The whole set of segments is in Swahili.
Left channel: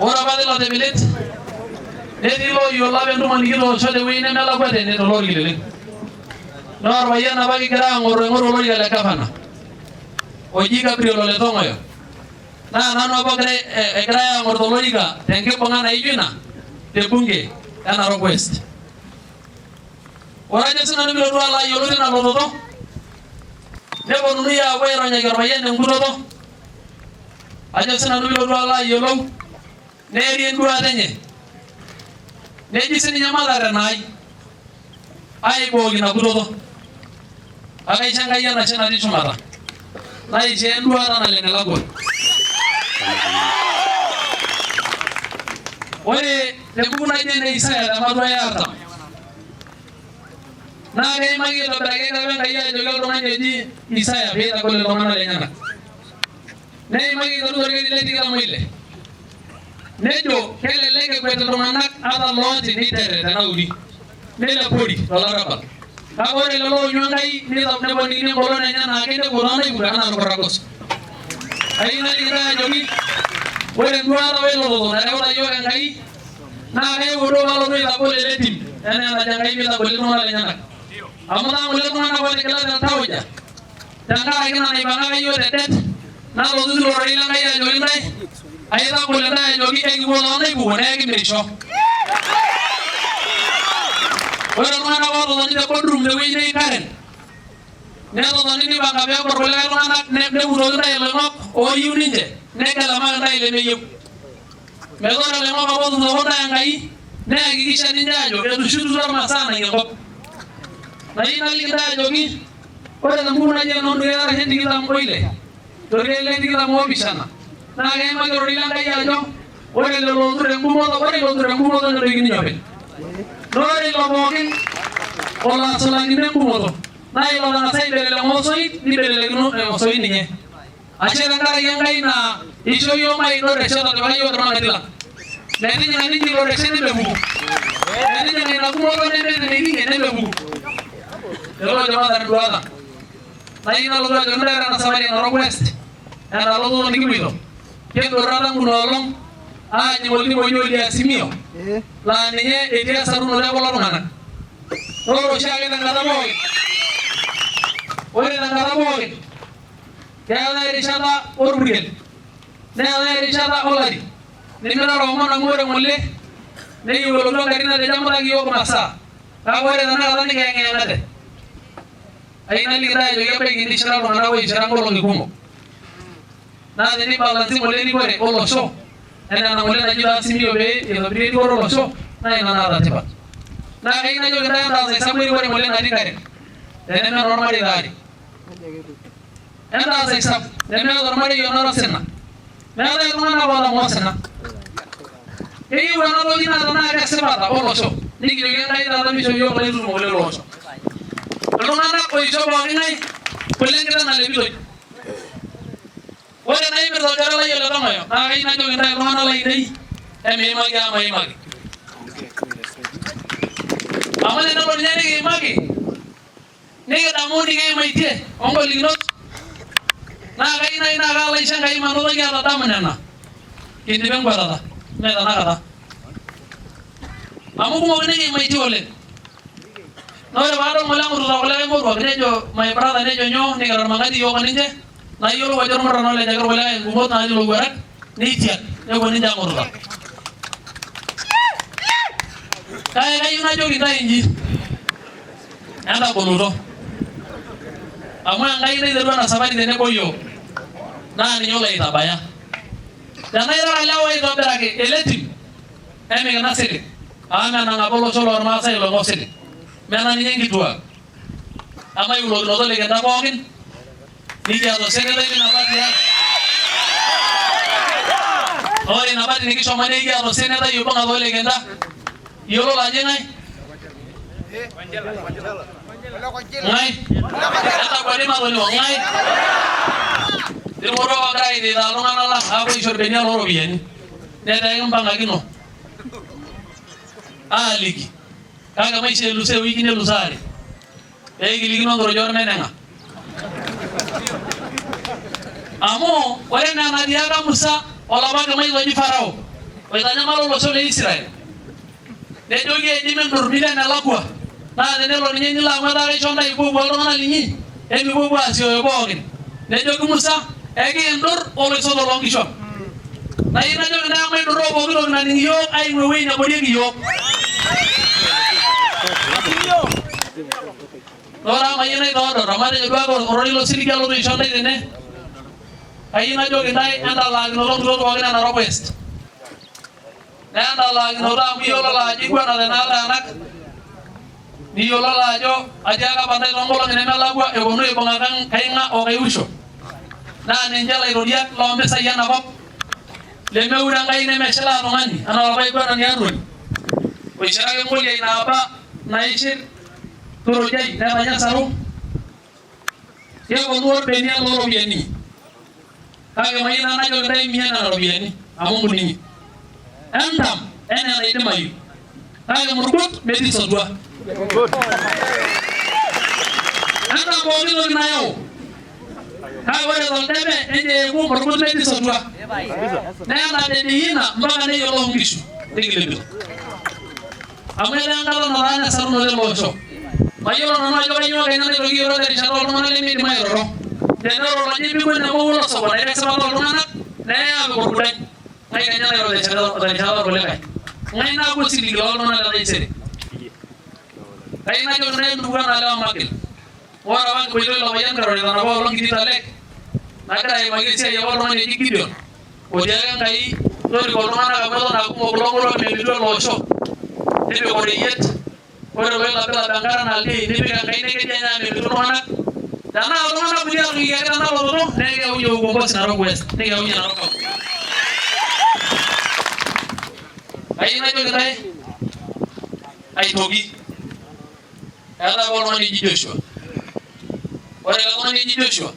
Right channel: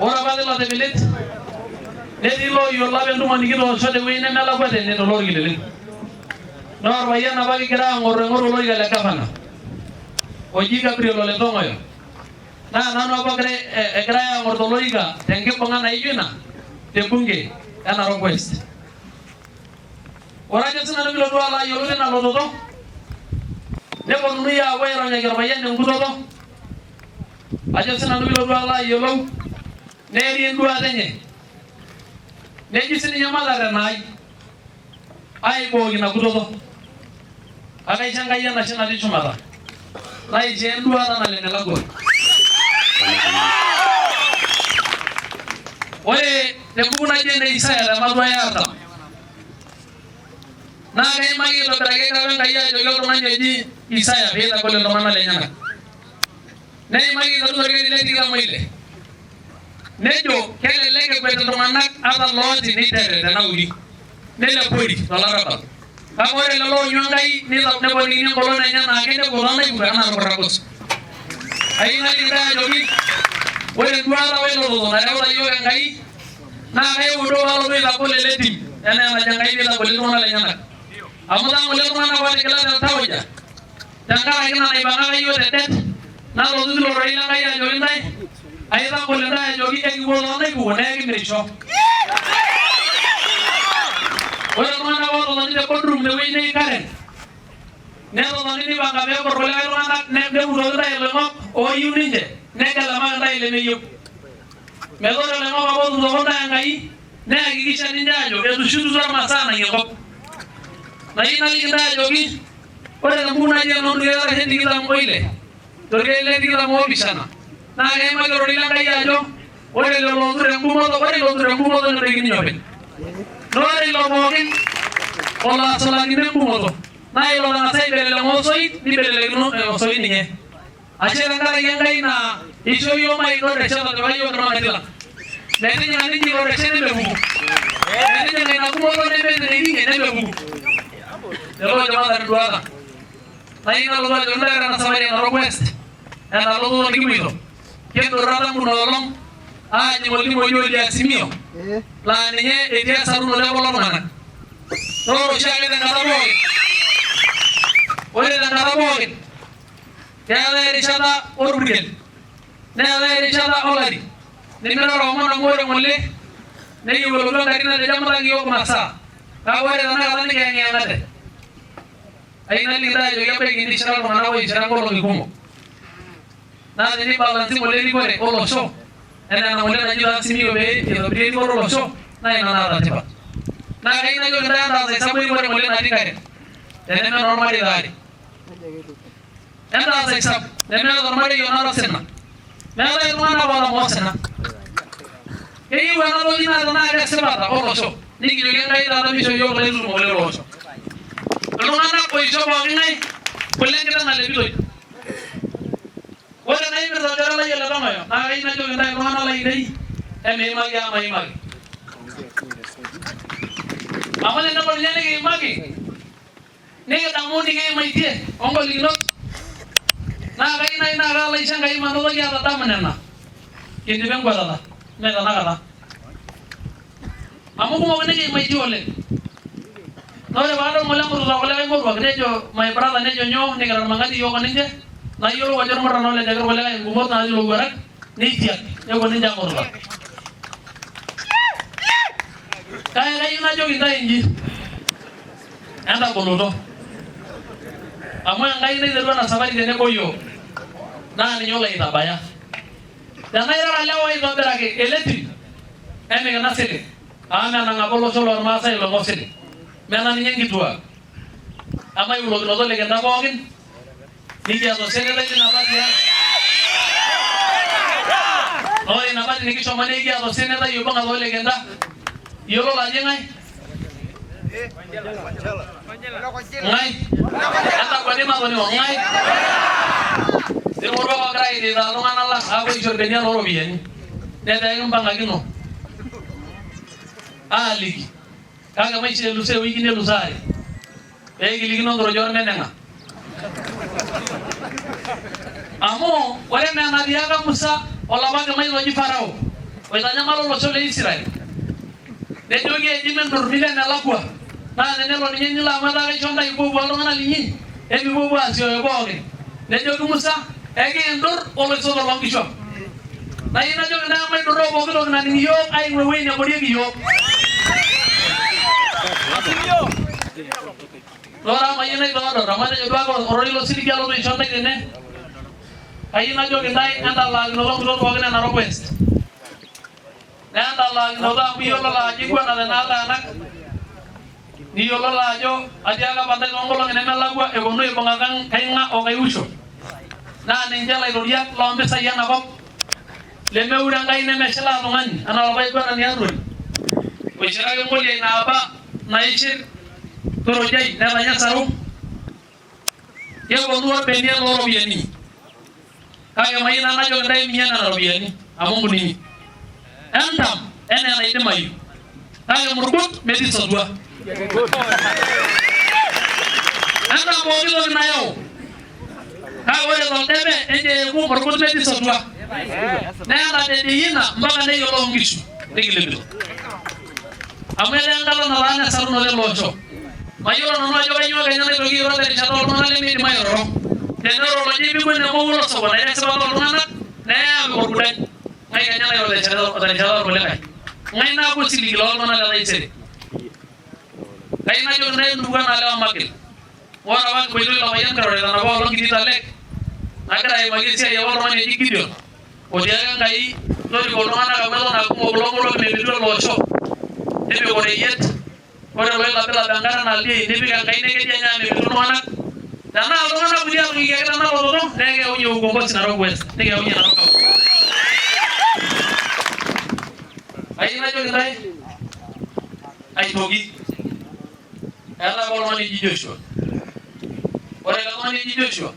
ora ba lo tebelet netii looyiolo apa entumo nikitoosho tewueji nemelakwa tene tolorkileleng noorpayian apa kigira aing'oru olorika le gavana oji Gabriel Ole Tong'oyo naa nanu apa egirai aing'oru tolorika tenkibung'a naijo ina tebunge e Narok West. Ore ajo sinanu pilotu alo ayiolou tina lototo neponunui aapuo aironyaki orpayian enkutoto ajo sinanu pilotu alo ayiolou neeri enduata enye neji sininye matarena ai aibooki ina kutoto akaisho Enkai enashe natii shumata naishoo enduata naleng elakwa. Ore tembuku naji ene Isaya tematua e artam naa keimaki aitobiraki apa Enkai ajoki oltung'ani oji Isaya piitagol iltung'anak lenyenak neimaki aiteru torkekun le tikitam oile nejo kelelek ekwet iltung'anak ata looti niterre tenauri nelepori tolarabal kake ore lelo oonyu Enkai neponikini engolon enye naa kinepu toonaipuka enaa orkuragos. Ayieu nalikito ajoki ore enduata welototo nareuta yiok Enkai naa kaiudo palotu aitagol ele tim enaa enajo Enkai piitagol iltung'anak lenyenak amu ng'ole iltung'anak ootigilate iltauja tenkaraki ina naipang'aka yiok tedet nalotu tilo rorei l'Enkai ajoki ntae aitagol ntae ajoki ekipuo toonaipuko neekimisho. Ore iltung'anak oototoni te boardroom tewueji neji Karen netotoni nipanga peepuo irkulikae tung'anak neuroki ntae iloing'ok ooyieu ninche negelamaki ntae lemeyieu. Metaa ore iloing'ok apa ootutoko ntae Enkai neakikisha ninche ajo etushututuo imasaa nang'ie enkop. Nayieu naliki ntae ajoki ore tembuku naji enoonduat arashu tikitam oile torkeek le tikitam oopishana naa keimaki ororei l'Enkai ajo ore lelo ootur engumoto nedoikini ninye openy. Ore ilo pookin olo asulakino engumoto naa ilo otang'asa aibelekeny osoit nibelekino osoit ninye. Ashe tenkaraki Enkai naa ishoo yiok maigil reshet otipika yiok irmang'ati lang. Metijing'a ninche ilo reshet nemepuku. Metijing'a ina gumoto nemetining'ie nemepuku. Lelo ojo matar enduata. Nayieu nalotu ajoki ntae ore ena safari e Narok West ena lototo nikipuoito kidurra tangu ina olong aajing olning'o oji le Azimio laa ninye etii esarunoto ekulo tung'anak. Ore oshiake tenkata pookin neetai erishata orpurkel neetai erishata olari nimirara omon amu ore ng'ole nekiwolotu engarri natejamutaki yiok masaa kake ore tenakata nikiyeng'iyeng'ate. Ayieu naliki ntae ajoki ebaiki nishira iltung'anak oishira nkolong'i kumok naa tenibalansi ng'ole erikore olosho enaa ena ng'ole naji Azimio pee eitobiri erikore olosho naa ina naata tipat. Naa kayieu najoki ntae entaas esabu erikore ng'ole natii Karen teneme enormareita aare. Entaas esabu nemeeta ormarei onara osina. Meetai iltung'anak oota osina. Keyieu ena toki naa tenaa kesipata olosho nikijoki Enkai taata misho yiok ilaitutum ng'ole lolosho. Iltung'anak oisho pooking'ae kule enkiteng nalepitoi. Ore naimirta orkere lai Ole Tong'oyo naa kayieu najoki ntae iltung'anak lainei emiimaki amu maimaki. Amu tenelo ninye nikiimaki nikidamu nikiimaitie ongolikinot naa kayieu nai naa kaalo aisho Enkai manotoki atadamu nena kindipa enkwatata mee tenakata. Amu kumok nikiimaitie oleng. Naa ore paadol ng'ole emutita kulikae moruak nejo my brother nejo nyoo nikitarmang'ati yiok oninche nayiolou ajo irmurran olejaki irkulikae ingumot natii ilowuarak neitiak nepuo ninche amuruta. Kake kayieu najoki ntae inji entagoloto amu Enkai naiterua ena safari tenebo yiok naa ninye olo aitabaya. Tenaa irara lewa aitobiraki ele tim emikina silig amu menang apa olosho lormaasai loing'ok silig. Mena ninye nkituak ama iulokinoto likinta pookin nikiata osenetai lina pati ang. Ore ina pati nikishomo nikiata osenetai oibung'a toolikinta iyiololo ajo ng'ae? Ng'ae? Entakwani matonio ng'ae? Irmoruak oogira airita iltung'anak lang aapuo aisho irbenia looropiyiani netaa ekimpang'akino aaliki kake maisho elus ewiki nelus aare pee kilikino nkorojo ormeneng'a. Amu ore enaa enatiaka Musa olapa kemai oji Farao oitanyamal olosho le Israel nejoki ejimentor milian nelakwa naa tenelo ninye nilo amu etaa kaisho ntae ipuopuo iltung'anak linyi emipuopuo asioyo pookin nejoki Musa ekiindur oloisoto loonkishu naa yie najoki ntae maidurroo pooki toki naning iyiok aing'ua ewueji neborieki iyiok Ora mayieu naitodor amatejo duake orori losiriki alotu aisho ntae tene kayieu najoki ntae endalaakinoto nkutot pookin e Narok West neendalaakinoto amu iyiololo ajo iguanate naataanak niyiololo ajo atiaka apa ntae toonkolong'i nemelakwa eponu aibung'a Kaing'a o Kaiusho naa ninche ilaitoriak loompisai enakop lemeure Enkai nemeshilaa tung'ani enaa olapa aiguanani Arwoli oishiraki ng'oliai naapa naishir Turujai netanya Sarum keponu orbenia looropiyiani kake mayieu nanu najoki ntae mia nena ropiyiani amu nkuninyi entam enaa enaidimayu kake murkut metii sotua entam pooki toki nayau kake ore toldebe nejeeku murkut metii sotua neeta dediina mpaka neyiolou nkishu nikilepito amu etaa enkata nataana esarunoto ele osho mayiolo nanu ajo kanyioo kenya naitoki airo terishata oltung'anak lemeidim airoro tenero lonyi pikuo nemowulo sokoni nekesipata oltung'anak neya apik orgurany ng'ae kenya nairo terishata orkulikae ng'ae naaku osiligi loltung'anak letaisere kayieu najoki ntae ntukuan naalewa magil ore apa kipoitoi ilo payian Karorita napa olong kitii Talek nagira aimaki esiai apa oltung'ani oji Gideon otiaka Enkai toriko iltung'anak amu eton aa kumok kulo ng'orok meimitu ele osho nepik oreyiet ore loilapilap enkare naldiei nipik Enkai nekeji enya meimitu iltung'anak tenaa iltung'anak kulie atukikaki tena lototo nekeunye ukombosi Narok West nekeunye Narok County kayieu najoki ntae aitoki eeta apa oltung'ani oji Joshua ore ele tung'ani oji Joshua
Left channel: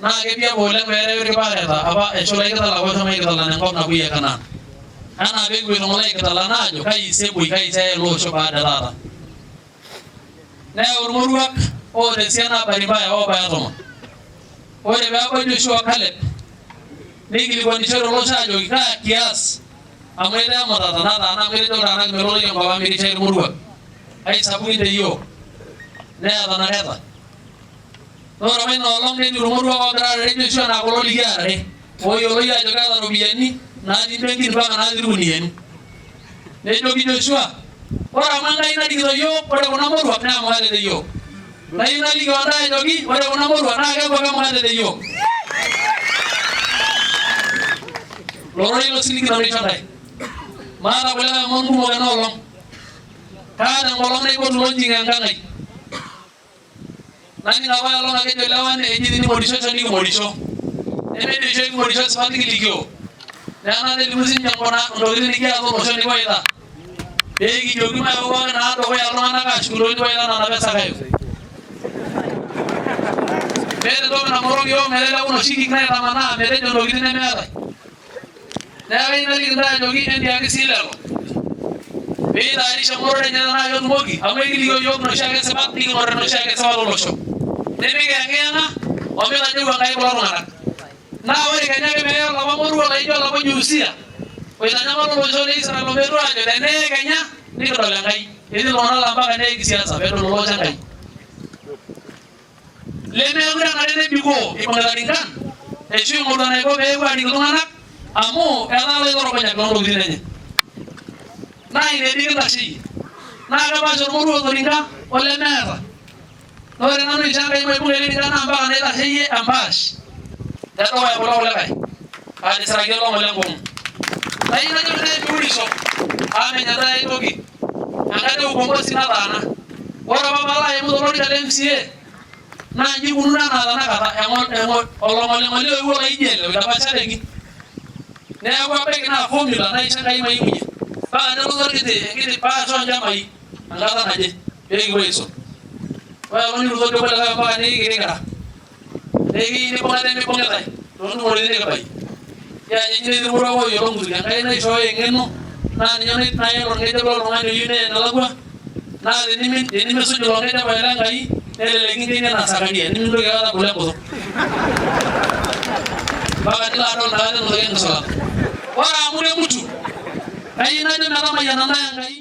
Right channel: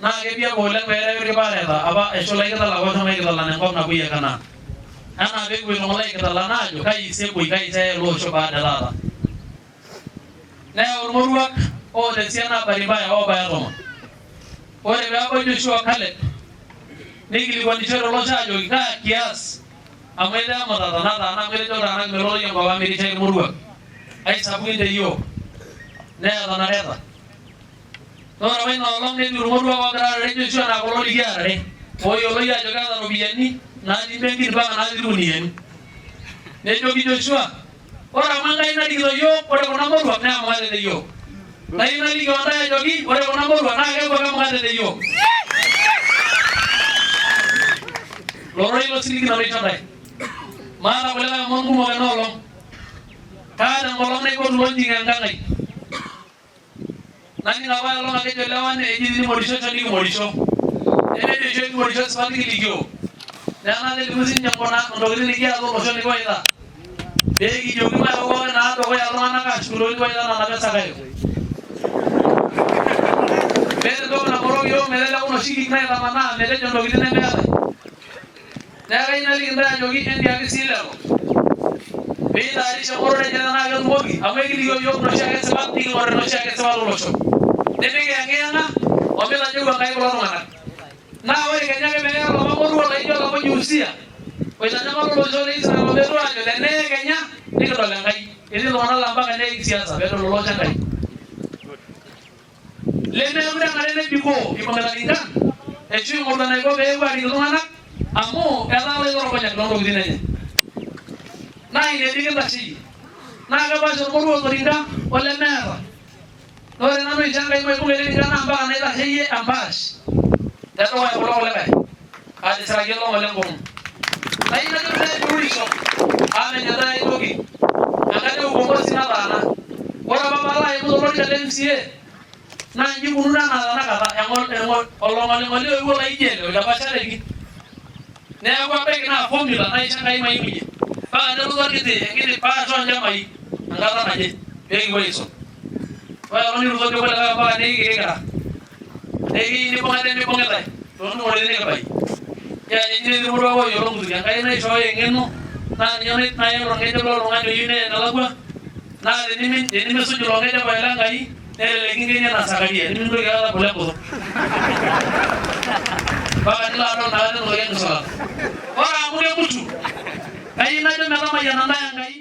naa ketii apa oleng peerewi irpaareta apa eshula ikitalak oshomo aikitalan enkop napuoi e Kanaan enaa peekipuoito ng'ole aikitalan aajo kai sa epuoi kai sa eya ele osho baada taata neyau irmoruak oota esiana baribaya oobaya 10 ore peebau Joshua Caleb neikilikuanishore olosho aajoki kaa kias amu etaa emutata nataana amu etejo iltung'anak melotoi enkop ang mirishaki irmoruak aisapukin teyiok neeta nareta ore apa ina olong netii irmoruak oogira aarare Joshua naa kulo likiarare ooyioloi ajo keeta ropiyiani natii benkin mpaka natii irkuniyiani nejoki Joshua ore amu Enkai narikito yiok ore kuna moruak naa maate teyiok nayieu naliki ntae ajoki ore kuna moruak naa keeku ake maate teyiok lorori losiligi nareisho ntae maata kulikae omon kumok ena olong kaata enkolong naipotu lonjing enkang ai naning apa olong akejo lewan eji tinimorisho nikimorisho nemejo isho kimorisho sipat nikilikio neeku nelimu sinche ntokitin nikiata olosho nikiwaita peekijoki maepo pookin naa dukuya iltung'anak aashukuroki nikiwaita nena pesakayo meeta entoki nang'oroki yiok meteleku noshi kik naitamanaa metejo ntokitin nemeetai neeku kayieu naliki ntae ajoki endiaki sii lelo piitaarisha eng'orore enye tenaa ketumoki amu ekilikio yiok noshi ake sipat niking'or noshi ake sipat olosho nimikiyang'iyang'a omitajeu Enkai kulo tung'anak naa ore kenya ake peeya olapa moruo laijo olapa oji Usia oitanyamal olosho le Israel ometu ajo teneye Kenya nikidol Enkai etii iltung'anak laa mpaka neeki siasa peedol olosho Enkai lemeekure enare nebikoo ibung'ita ninkan eshu ing'oru enaiko peepuo aarik iltung'anak amu etaa iloitorogonyak loontokitin enye naa ine dii kintasheyie naa kepaasha ormoruo otorinka olemeeta naa ore nanu aisho Enkai maibung'a ele rinka naa mpaka naitasheyie empaash tedukuya kulo kulikae atisiraki olong lenkong'u nayieu najoki ntae piurisho amu menya ntae ai toki enkata e ukombosi nataana ore apa paalo aimu tolorika le MCA naa inji ikununo enaa tanakata olong'oling'oli oewuo laijo ele oitapashareki neeku abaiki naa formula naisho Enkai maimunye mpaka nelotu enkiti paas oolchambai enkata naje peekipuo aisum ore olonirutoki kulikae mpaka nikikirikira nekiyieu nibung'ate mibung'itae toontumoritin nikibaiki kianyenyi netii irmoruak ooyiolo nkutuk Enkai naishooyo eng'eno naa ninye nael orng'ejep loltung'ani oyieu neya enelakwa naa tenimisuj ilo ng'ejep ailo Enkai nelelek kinkienie enaa Sakaria nimintoki aikata abulu enkutuk mpaka nilo adol nakata entoki enkisulata ore amu nemutu kayieu najo metamayiana ntae Enkai